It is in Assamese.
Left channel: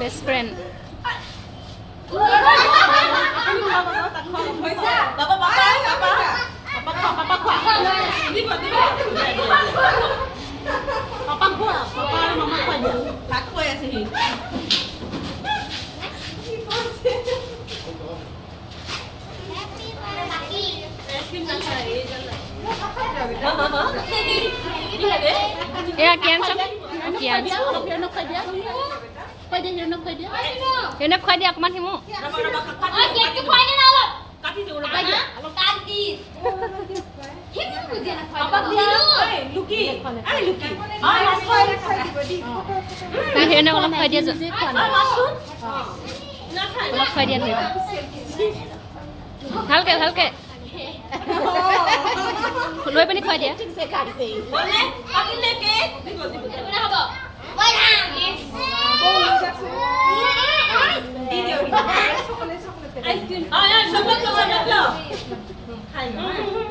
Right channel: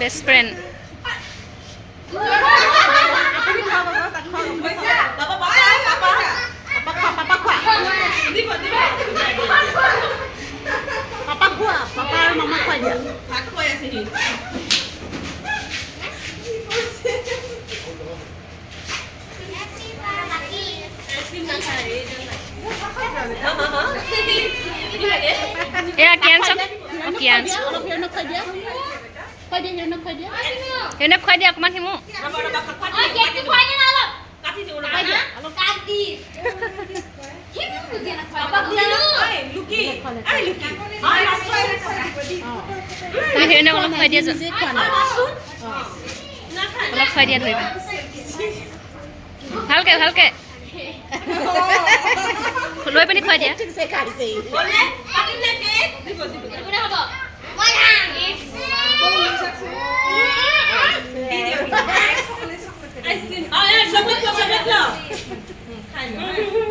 বেষ্ট ফ্ৰেণ্ড এয়া কি আনছ কি আনছ ইউনক খুৱাই দিয়া অকণমান সিমু হেৰিনে অলপ খুৱাই দিয়া অলপ খুৱাই দিয়া ধৰিবা ভালকে ভালকে লৈ পিনি খুৱাই দিয়া আইসক্ৰিম